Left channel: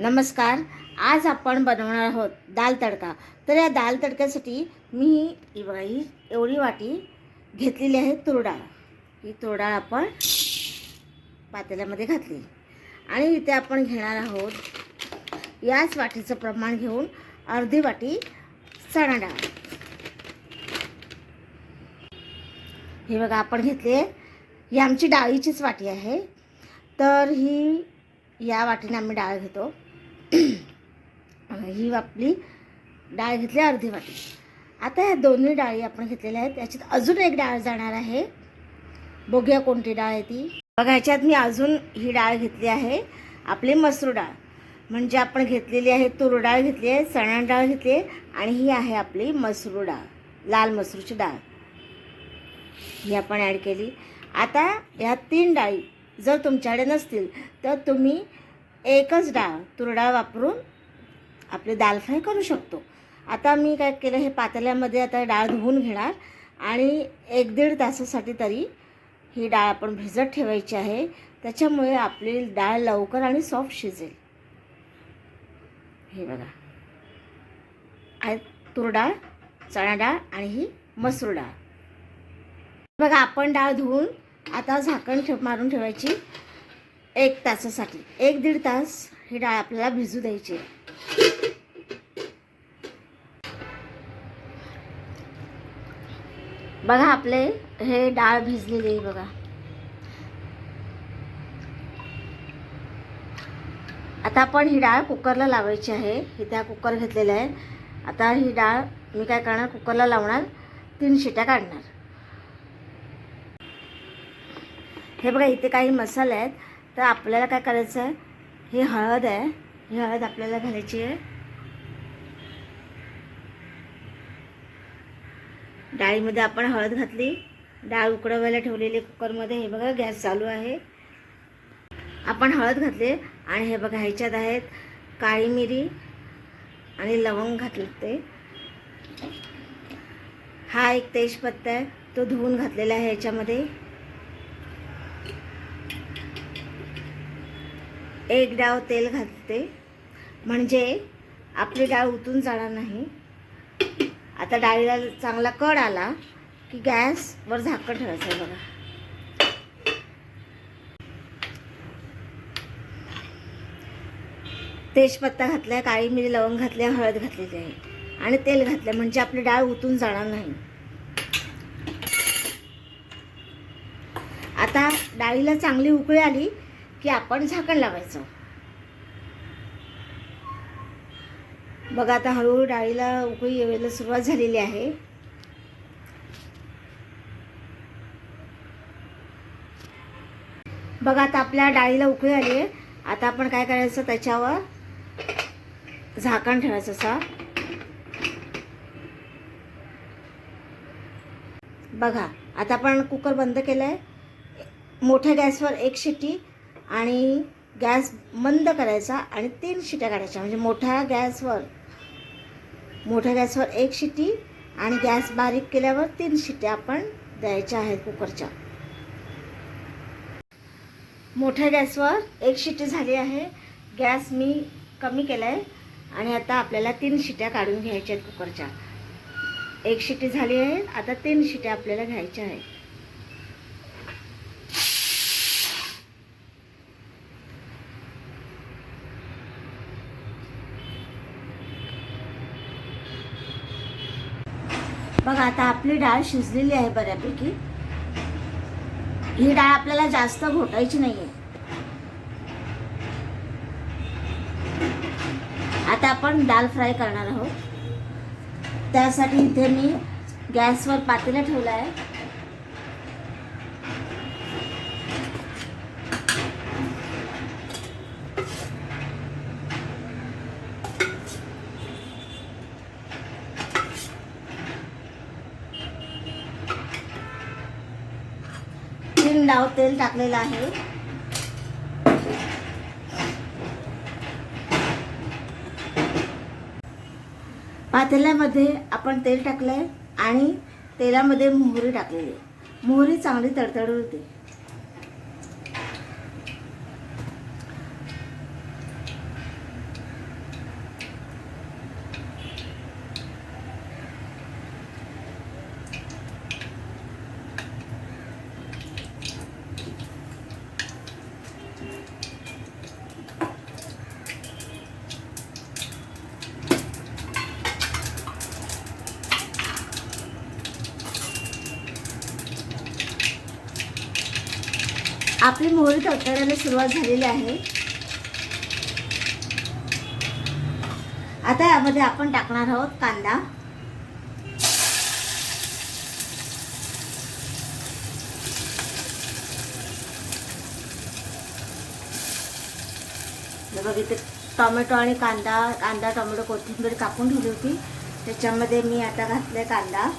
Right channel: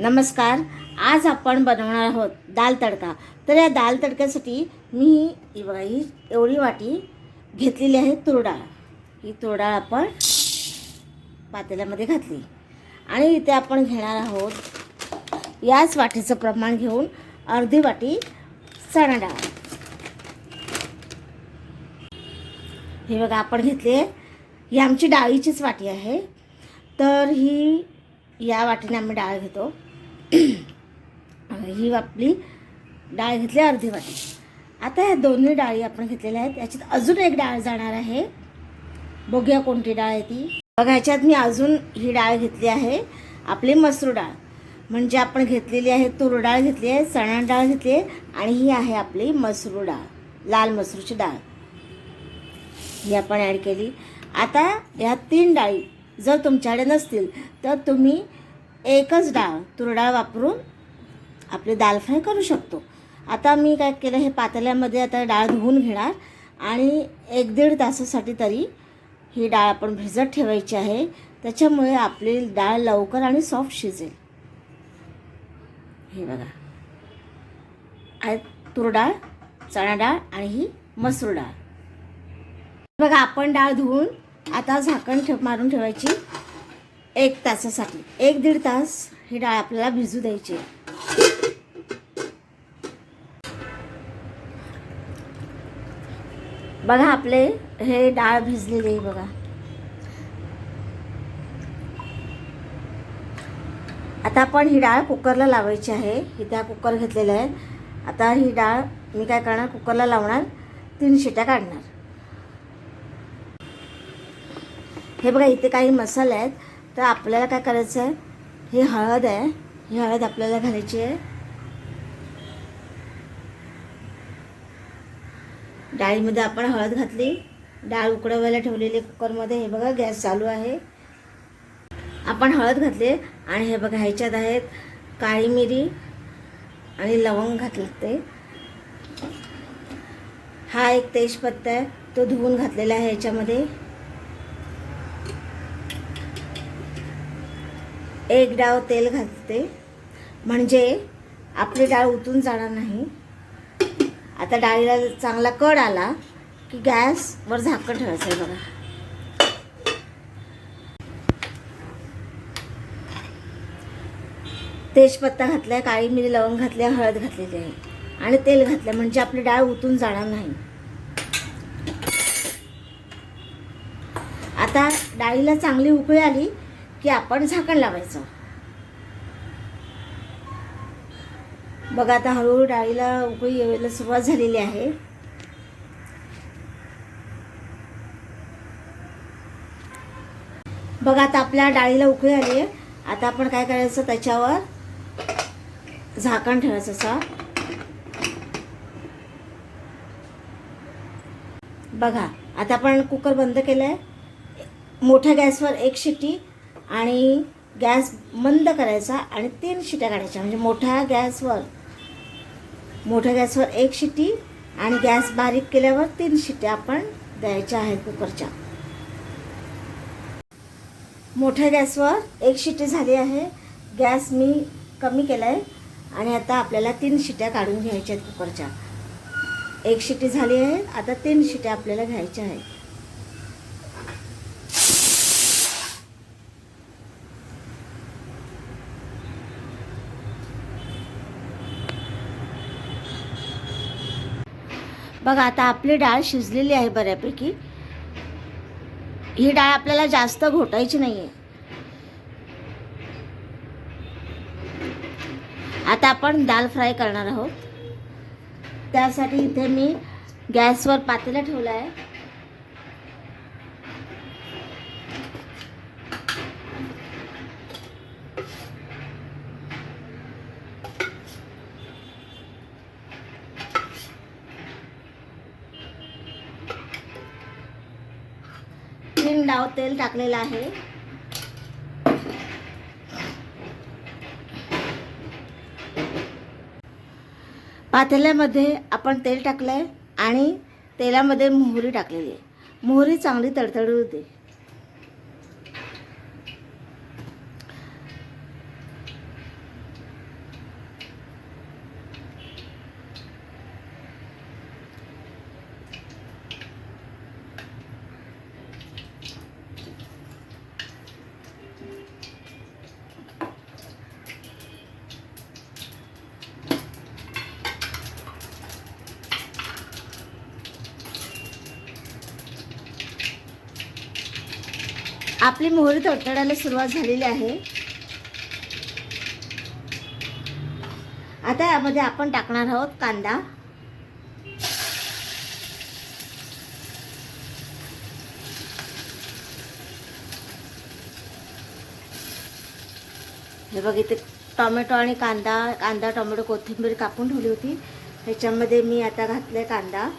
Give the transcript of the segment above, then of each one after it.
नमस्कार. आज आपण बनवणार आहोत दाल तडका. तर या दाल तडक्यासाठी मी ही एवढी वाटी घेतलेली आहे तूर डाळ. ही तूर डाळ आपण पातेल्यामध्ये घातली आणि इथे आपण घेणार आहोत याच वाटीचं प्रमाण घेऊन अर्धी वाटी चणा डाळ. हे बघा आपण घेतली आहे. ही आमची डाळीचीच वाटी आहे. तर ही या वाटीने आम्ही डाळ घेतो. ही आपली डाळ घेतली अर्धी वाटी. आता ह्या दोन्ही डाळी आपण घेतलेल्या आहेत. याच्यात अजून एक डाळ जाणार आहे. बघूया कोणती डाळ आहे ती. बघा ह्याच्यात मी अजून ही डाळ घेतली आहे आपली मसूर डाळ. म्हणजे आपण घेतलेली आहे तूर डाळ घेतली आहे, चणा डाळ घेतली आहे आणि ही आहे आपली मसूर डाळ, लाल मसूरची डाळ. ही आपण ॲड केली. आता ह्या तीन डाळी जर तुमच्याकडे नसतील तर तुम्ही एकच डाळ तूर डाळ वापरून आपले दाल फ्राय करू शकतो. आता मी काय केलं, हे पातेल्यामध्ये आता डाळ धुवून घेणार आणि 1-1.5 तासासाठी तरी ही डाळ आपण भिजत ठेवायची आहे. त्याच्यामुळे आपली डाळ लवकर आणि सॉफ्ट शिजेल. हे बघा आहे तूर डाळ, चणा डाळ आणि ही मसूर डाळ. बघा आपण डाळ धुवून आता झाकण मारून ठेवायची 1 तासासाठी. 1-1.5 तास ही डाळ आपल्याला भिजू द्यायची. बघा आपले हे डाळ भिजलेली आहे. बघा आता आपण ही डाळ कुकरला लावायची आहे. इथे कुकर घेतलेला आहे. आता ही डाळ मी काय करणार, कुकरला लावणार, 3 शिट्या काढणार. हे बघा इथे काही मसाले आहेत. तर आपल्याला काय करायचं आहे, ही हळद आहे, ही हळद आपल्याला घालायची आहे. डाळीमध्ये आपण हळद घातली. डाळ उकळवायला ठेवलेली कुकरमध्ये. हे बघा गॅस चालू आहे. आपण हळद घातली आणि हे बघा ह्याच्यात आहेत काळी मिरी आणि लवंग घातले. ते हा एक तेजपत्ता आहे, तो धुवून घातलेला आहे ह्याच्यामध्ये. 1 डाव तेल घालते म्हणजे आपली डाळ उतून जाणार नाही. आता डाळीला चांगला कड आला की गॅसवर झाकण ठेवायचं आहे. बघा तेजपत्ता घातलाय, काळी मिरी, लवंग घातले, हळद घातलेली आहे आणि तेल घातलं म्हणजे आपली डाळ उतून जाणार नाही. आता डाळीला चांगली उकळी आली की आपण झाकण लावायचं. बघा आता हळूहळू डाळीला उकळी यायला सुरुवात झालेली आहे. बघा आता आपल्या डाळीला उकळी आली आहे. आता आपण काय करायचं, त्याच्यावर झाकण ठेवायचं असं. बघा आता आपण कुकर बंद केलं आहे. मोठ्या गॅसवर 1 शिट्टी आणि गॅस मंद करायचा आणि 3 शिट्ट्या काढायच्या. म्हणजे मोठ्या गॅसवर 1 शिट्टी आणि गॅस बारीक केल्यावर 3 शिट्ट्या आपण द्यायच्या आहेत कुकरच्या. मोठ्या गॅसवर 1 शिट्टी झाली आहे. गॅस मी कमी केला आहे आणि आता आपल्याला 3 शिट्ट्या काढून घ्यायच्या आहेत कुकरच्या. 1 शिट्टी झाली आहे. आता 3 शिट्ट्या आपल्याला घ्यायच्या आहेत. बघा आता आपली डाळ शिजलेली आहे बऱ्यापैकी. ही डाळ आपल्याला जास्त घोटायची नाहीये. आता आपण दाल फ्राय करणार आहोत. त्यासाठी इथे मी गॅसवर पातेलं ठेवलं आहे. डाव तेल टाकलेलं आहे. पातेल्यामध्ये आपण तेल टाकलंय आणि तेलामध्ये मोहरी टाकलेली. मोहरी चांगली तडतडू होते. आपली मोहरी तडतडायला सुरुवात झालेली आहे. आता यामध्ये आपण टाकणार आहोत कांदा. हे बघ, इथे टोमॅटो आणि कांदा टोमॅटो कोथिंबीर कापून ठेवली होती, त्याच्यामध्ये मी आता घातले कांदा.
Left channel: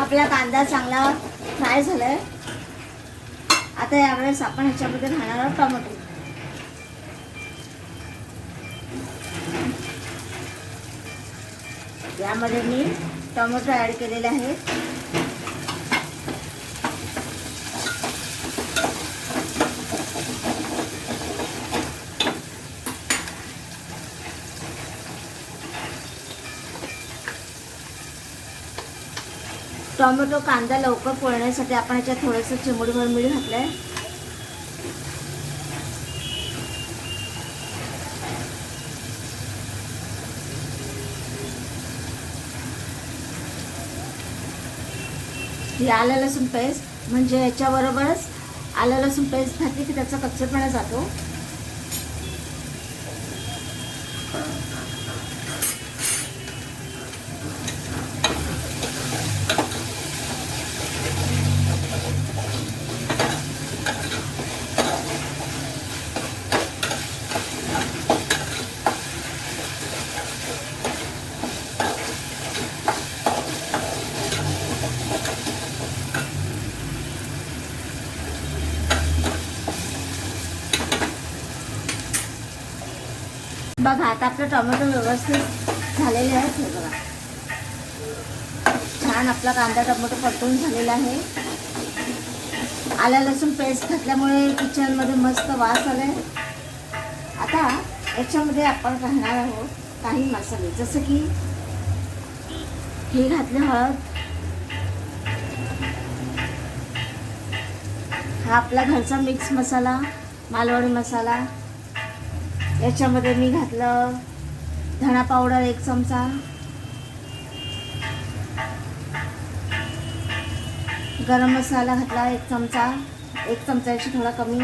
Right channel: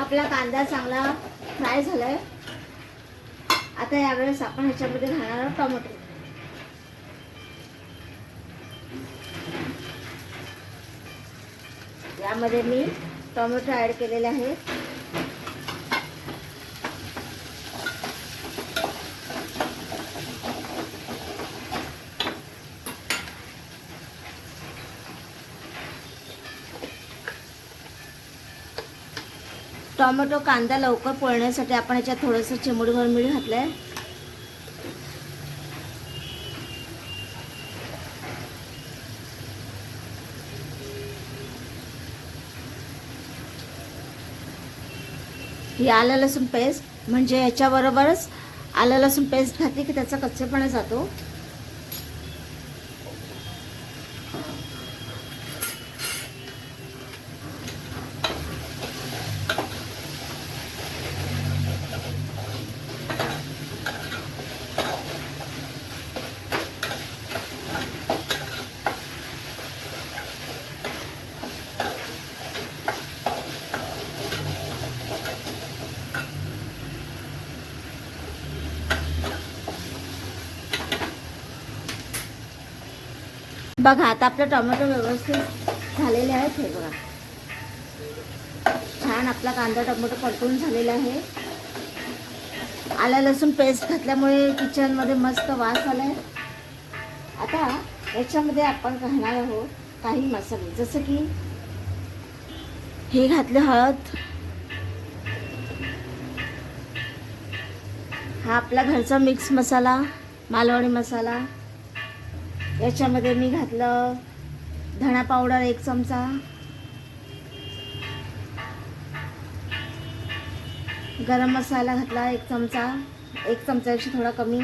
आपला कांदा चांगला फ्राय झालाय. आता यावेळेस आपण ह्याच्यामध्ये घालणार आहोत टोमॅटो. यामध्ये मी टोमॅटो ऍड केलेले आहे. टोमॅटो कांदा लवकर पोळण्यासाठी आपण याच्यात थोडंसं चिमुडीभर मीठ घातलंय. ही आलं लसूण पेस्ट, म्हणजे याच्याबरोबरच आलं लसूण पेस्ट घातली की त्याचा कच्चेपणा जातो. बघा, आता आपले टोमॅटो व्यवस्थित झालेले आहेत. हे बघा, छान आपला कांदा टोमॅटो परतून झालेला आहे. आलं लसूण पेस्ट घातल्यामुळे किचनमध्ये मस्त वास आलाय. आता याच्यामध्ये आपण घालणार आहोत काही मसाले, जसं की हे घातले हळद, हा आपला घरचा मिक्स मसाला मालवणी मसाला. याच्यामध्ये मी घातलं धणा पावडर 1 चमचा, गरम मसाला घातला 1 चमचा, 1 चमच्यापेक्षा थोडा कमी.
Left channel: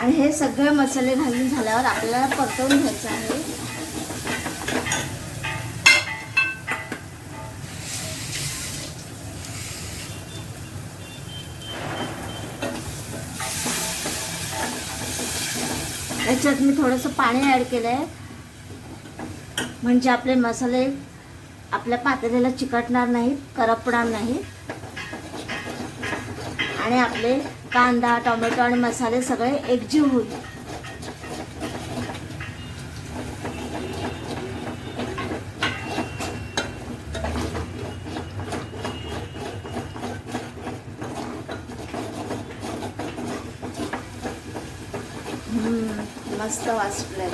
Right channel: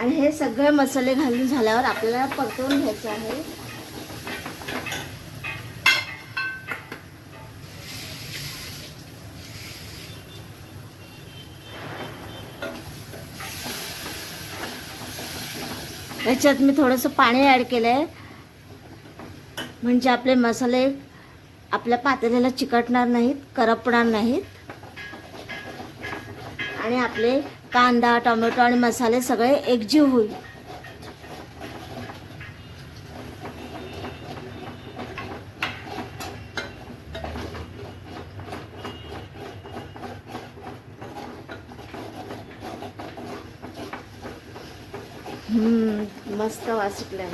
आणि हे सगळे मसाले घालून झाल्यावर आपल्याला परतवून घ्यायचं आहे. याच्यात मी थोडंसं पाणी ॲड केलं आहे, म्हणजे आपले मसाले आपल्या पातेल्याला चिकटणार नाहीत, करपणार नाहीत आणि आपले कांदा टोमॅटो आणि मसाले सगळे एकजीव होईल. मस्त वास सुटलाय.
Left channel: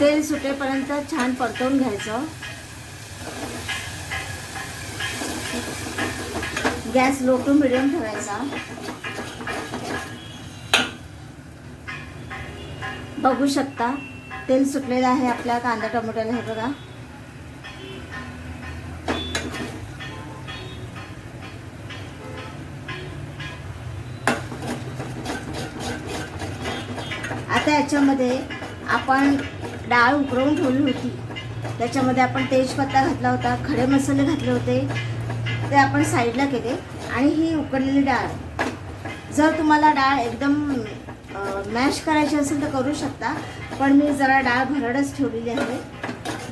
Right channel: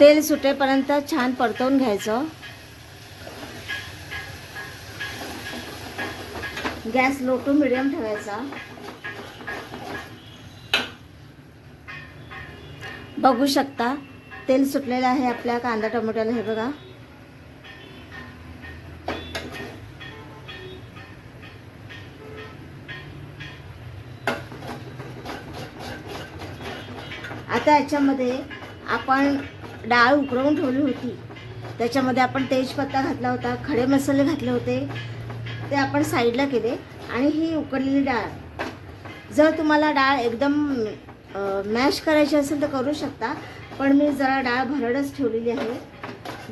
तेल सुटेपर्यंत छान परतवून घ्यायचं. गॅस लो टू मिडियम ठेवायचा. बघू शकता तेल सुटलेलं आहे आपल्या कांदा टोमॅटोला. हे बघा, आता याच्यामध्ये आपण डाळ उकळवून ठेवली होती, त्याच्यामध्ये आपण तेजपत्ता घातला होता, खडे मसाले घातले होते, ते आपण साईडला केले. आणि ही उकडलेली डाळ, जर तुम्हाला डाळ एकदम मॅश करायची असेल तर करू शकता, पण मी जरा डाळ भरडच ठेवलेली आहे,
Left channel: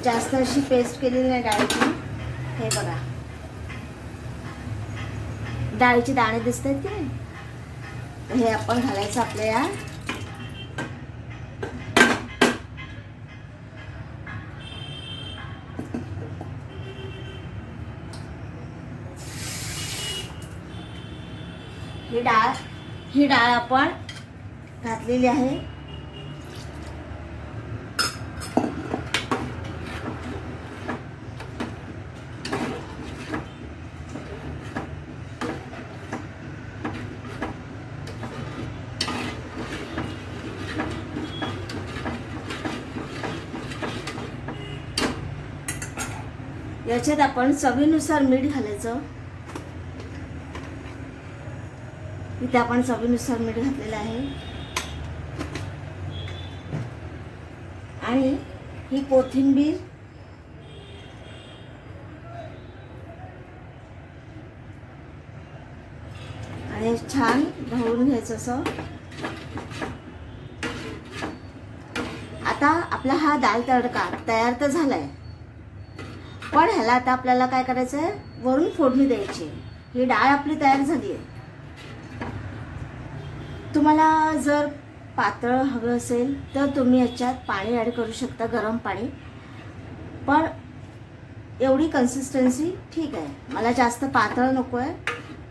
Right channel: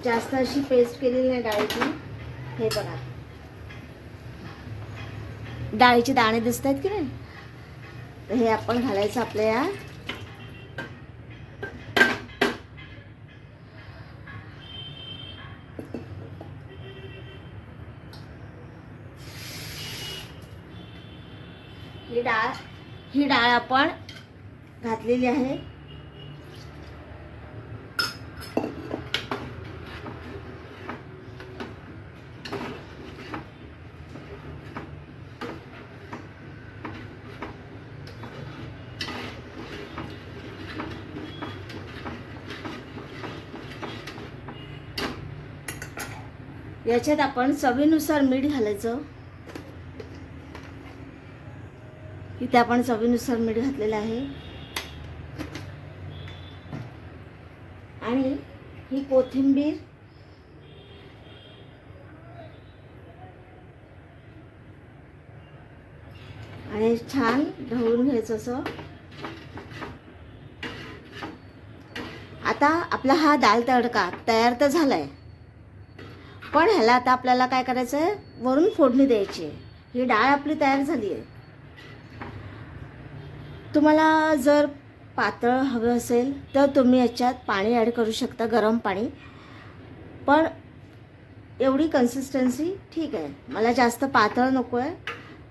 जास्त अशी पेस्ट केलेली नाही डाळीची. हे बघा, डाळीचे दाणे दिसत आहेत की नाही, हे आपण घालायचं आपल्या ही डाळ आपण घातलेली आहे. याच्यात आपण चवीनुसार मीठ घालायचं. इथे आपण चवीनुसार मीठ घातलेलं आहे. आणि ही कोथिंबीर आणि छान ढवळून घ्यायचं असं. आता आपला हा दाल तडका तयार तर झालाय, पण ह्याला आता आपल्याला काय करायचं आहे, वरून फोडणी द्यायची. ही डाळ आपली तयार झाली आहे. तुम्हाला जर पातळ हवं असेल तर तुम्ही याच्यात पाणी ॲड करू शकता, गरम पाणी. पण एवढी कन्सिस्टन्सी ठीक आहे. मला जास्त पातळ नको आहे.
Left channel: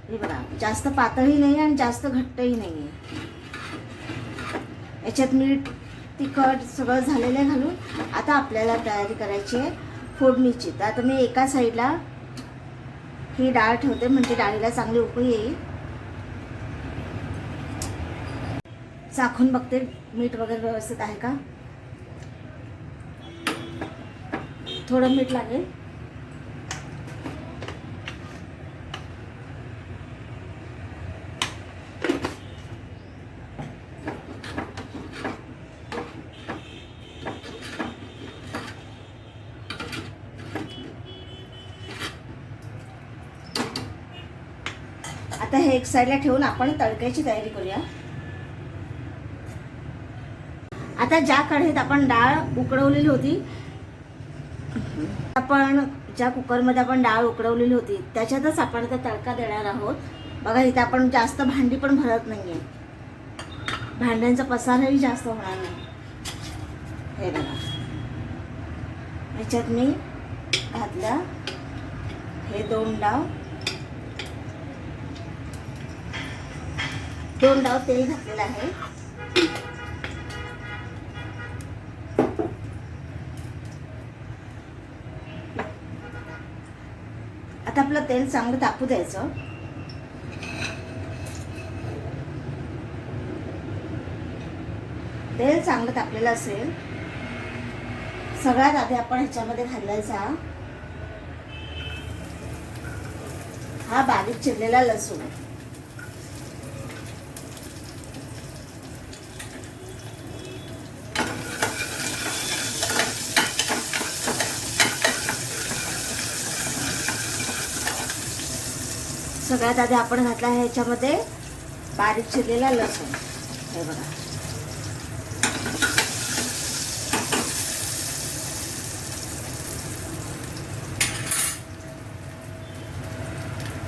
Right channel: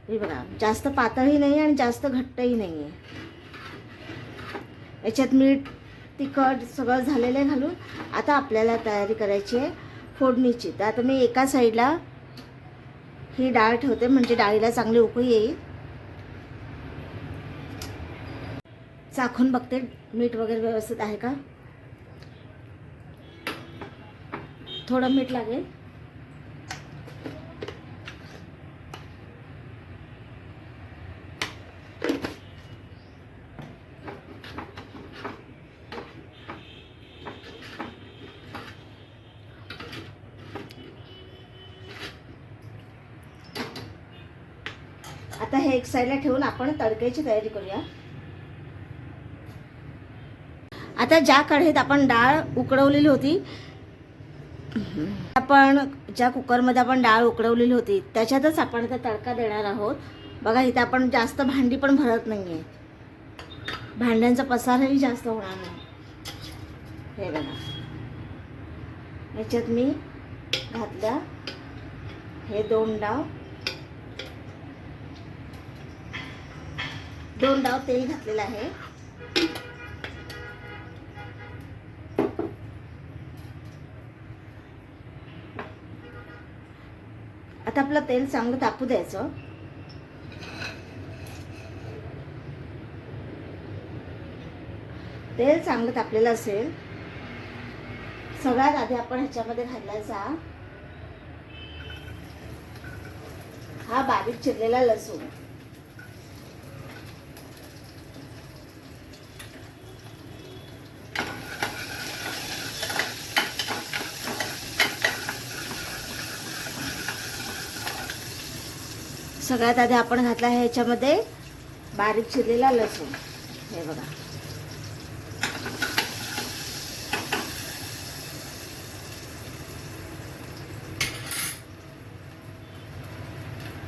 हे बघा, जास्त पातळही नाही आणि जास्त घट्टही नाही आहे. याच्यात मीठ तिखट सगळं झालेलं आहे घालून. आता आपल्याला तयारी करायची आहे फोडणीची. तर आता मी एका साईडला ही डाळ ठेवते, म्हणजे डाळीला चांगली उकळी येईल. चाखून बघते मीठ वगैरे व्यवस्थित आहे का. थोडं मीठ लागेल. आता हे एक साईडला ठेवून आपण तडक्याची तयारी करूया. आता ज्या कढईत आपण डाळ उकडवलेली होती, आपण ज्या कुकरमध्ये आपण डाळ उकडवलेली होती त्याच्यातच आपण आता तडका देणार आहोत. बघा, इथे आपण जास्त भांडी पण भरत नाहीये, भांड्यांचा पसारही जास्त होणार नाही. हे बघा, याच्यात मी घातल्या हे दोन डाव तेल घातलेलं आहे. आता आपलं तेल चांगलं तापू द्यायचं. तेल चांगलं तापलेलं असेल, सगळ्यात आधी आपण ह्याच्यामध्ये घालायचा हा बारीक चिरलेला लसूण. सगळ्यात आधी आपण घातला आहे ह्याच्यामध्ये बारीक चिरलेला लसूण. हे बघा,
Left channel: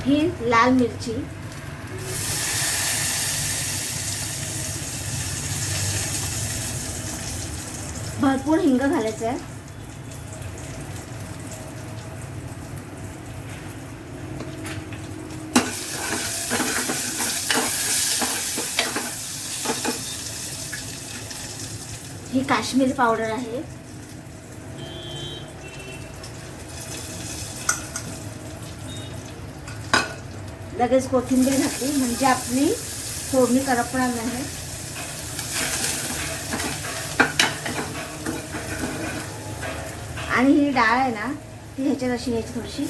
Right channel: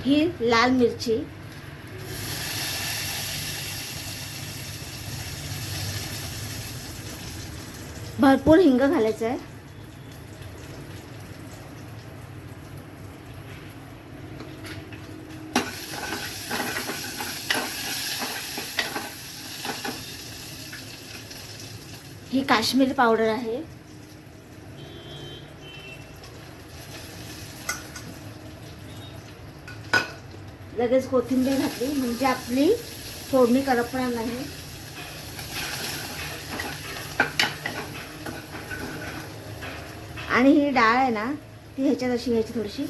ही लाल मिरची, भरपूर हिंग घालायचं आहे. ही काश्मीरी पावडर आहे. लगेच कोथिंबीर घातली म्हणजे आपली फोडणी करपणार नाही. आणि ही डाळ आहे ना, ती ह्याच्यात अशी घ्यायची थोडीशी.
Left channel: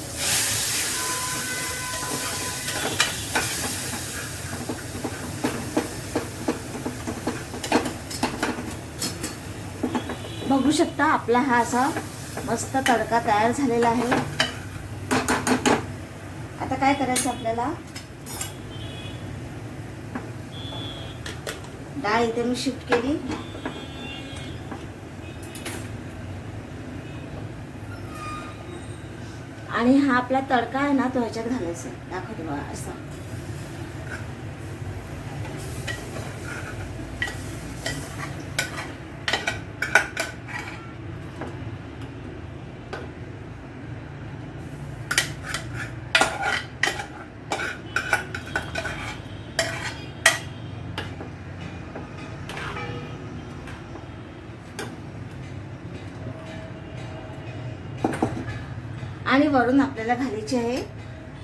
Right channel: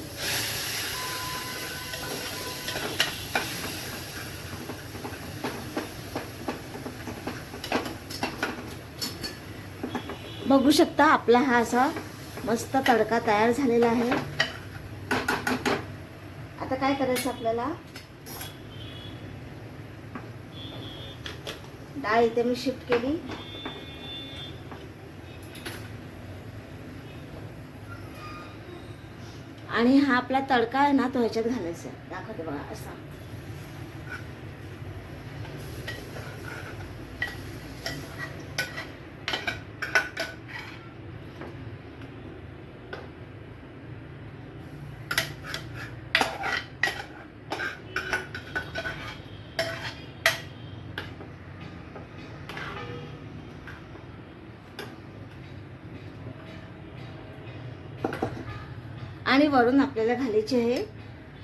बघू शकता आपला हा असा मस्त तडका तयार झालेला आहे. आता काय करायचं आपल्याला, डाळ इथे मी शिफ्ट केली. आणि हा आपला तडका आहे ना, तो ह्याच्यात घालायचा. दाखवते बघा असा. आणि वरून आपल्याला घालायची आहे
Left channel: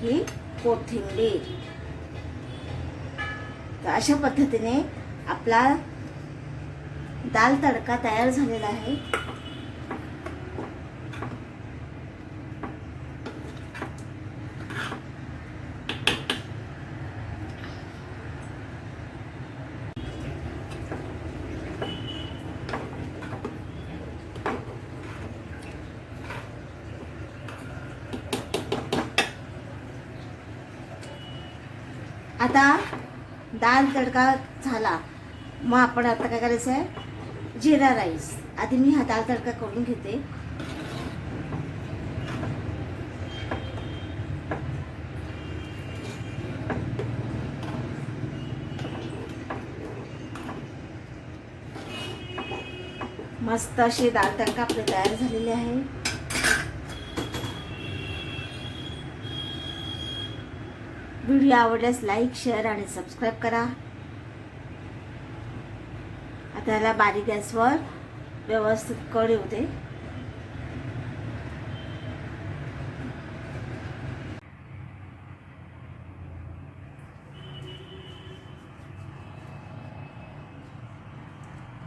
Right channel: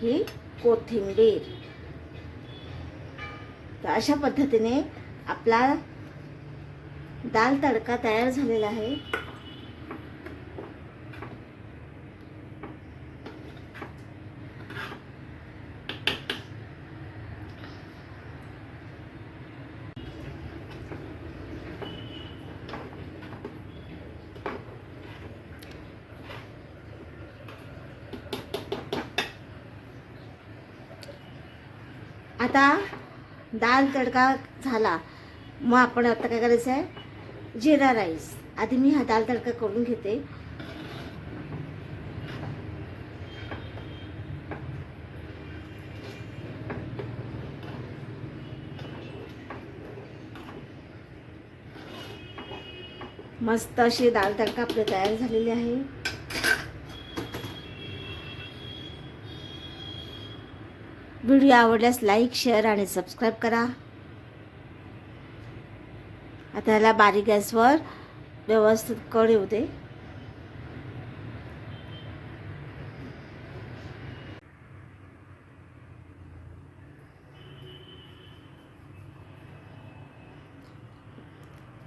ही कोथिंबीर. तर अशा पद्धतीने आपला दाल तडका तयार झालेला आहे. आता दाल तडका झाला, मग आपण आता काय करायचं आहे, जिरा राईस. आधी मी हा दाल तडका करून घेते. मस्त अशी दाल तडका आपले तयार झालेले आहे. व्हिडिओ आवडल्यास लाईक, शेअर आणि सबस्क्राईब करा. आता याला बारीक गॅसवर व्यवस्थित कढ येऊ दे.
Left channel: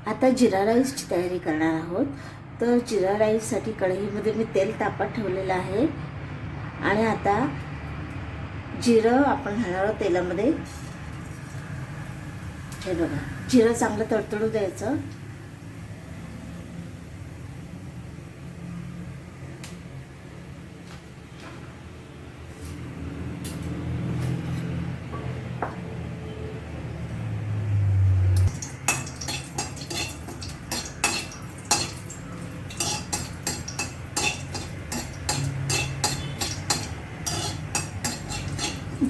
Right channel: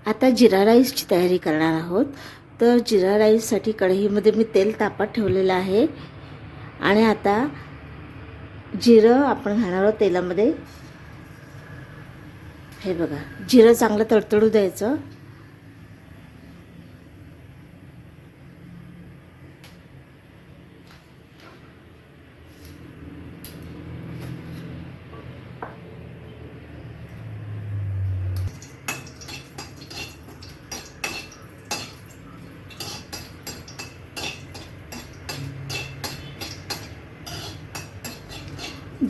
आता जिरा राईसची तयारी करणार आहोत. तर जिरा राईससाठी कढईमध्ये मी तेल तापत ठेवलेलं आहे आणि आता जिरं आपण घालणार आहोत तेलामध्ये. हे बघा, जिरं चांगलं तडतडू द्यायचं.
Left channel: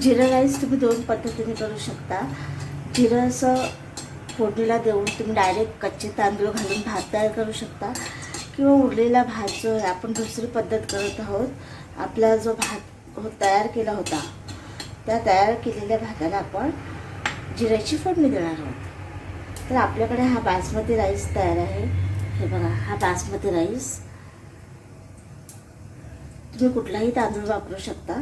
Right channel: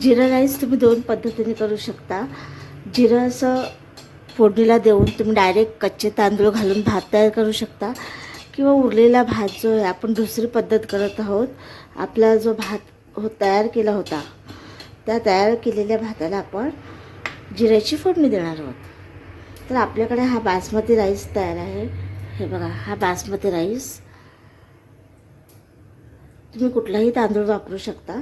जिरा राईस तुम्ही दोन पद्धतीने करू शकता. जिरं असं फोडणीला देऊन तुम्ही डायरेक्ट कच्चे तांदूळ घालून भात तयार करू शकता, किंवा उरलेला भात जो आहे, आपण दुसरी पद्धत करत आहोत. आपला जो भात तयार केला होता, त्या तयार केलेल्या भाताला आपण जिऱ्याची फोडणी देणार आहोत. तर आपल्याकडे हा बासमती राईस तयार आहे. हे बघा, हा बासमती राईस. तुम्ही कुठलाही तांदूळ वापरू शकता.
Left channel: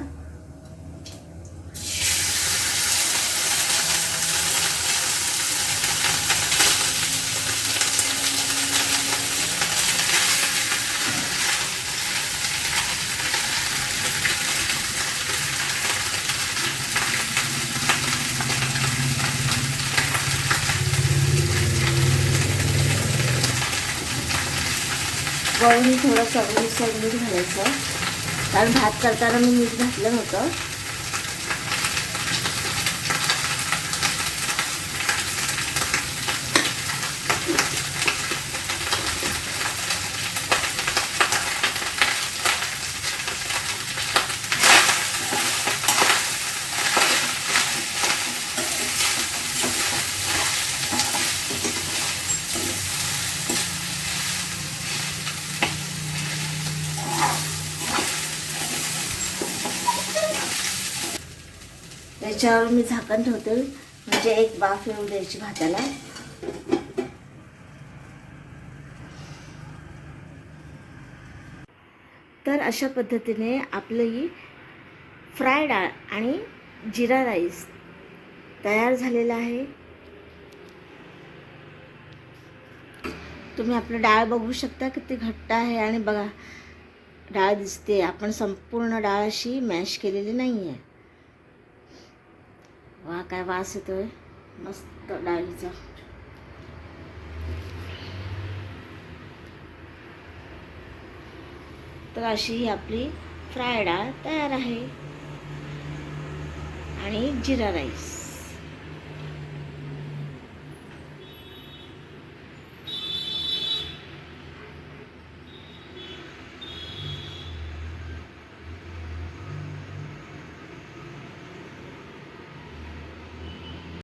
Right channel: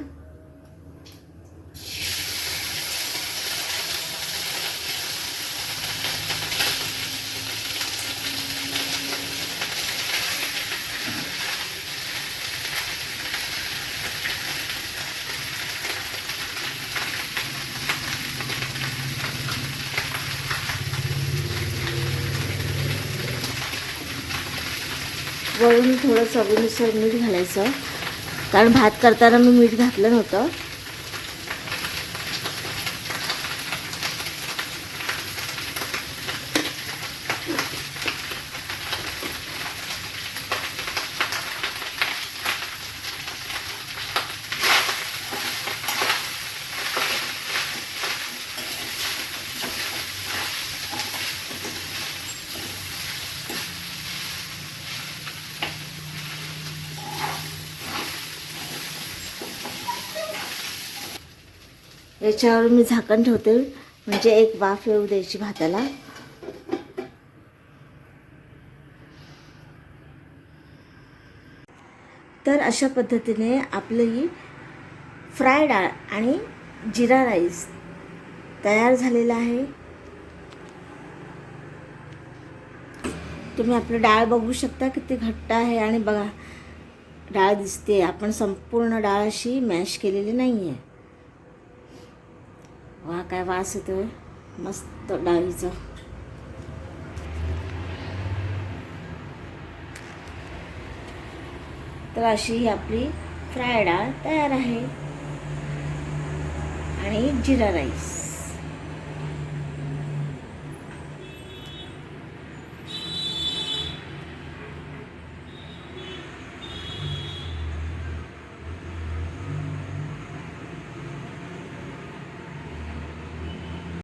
वरून थोडं चवीनुसार मीठ घालायचं, कारण भात करताना मी मीठ घातलं नव्हतं. याच्यावर मी झाकण ठेवते, म्हणजे एक वाफ येऊ द्यायची भाताला. तर अशा पद्धतीने आपली फ्राय डाळ आणि जिरा राईस तयार झालेला आहे. तुम्ही आपलं डाळ बघू शकता किती घट्ट आहे, आणि बघा डाळ दिसते. आपण संपूर्ण डाळ अशी मॅश केलेली नाही आहे. वा, काय वास येतोय मस्त डाळीचा. तर अशी ही आपली फ्राय डाळ तयार आहे, आणि जिरा राईस.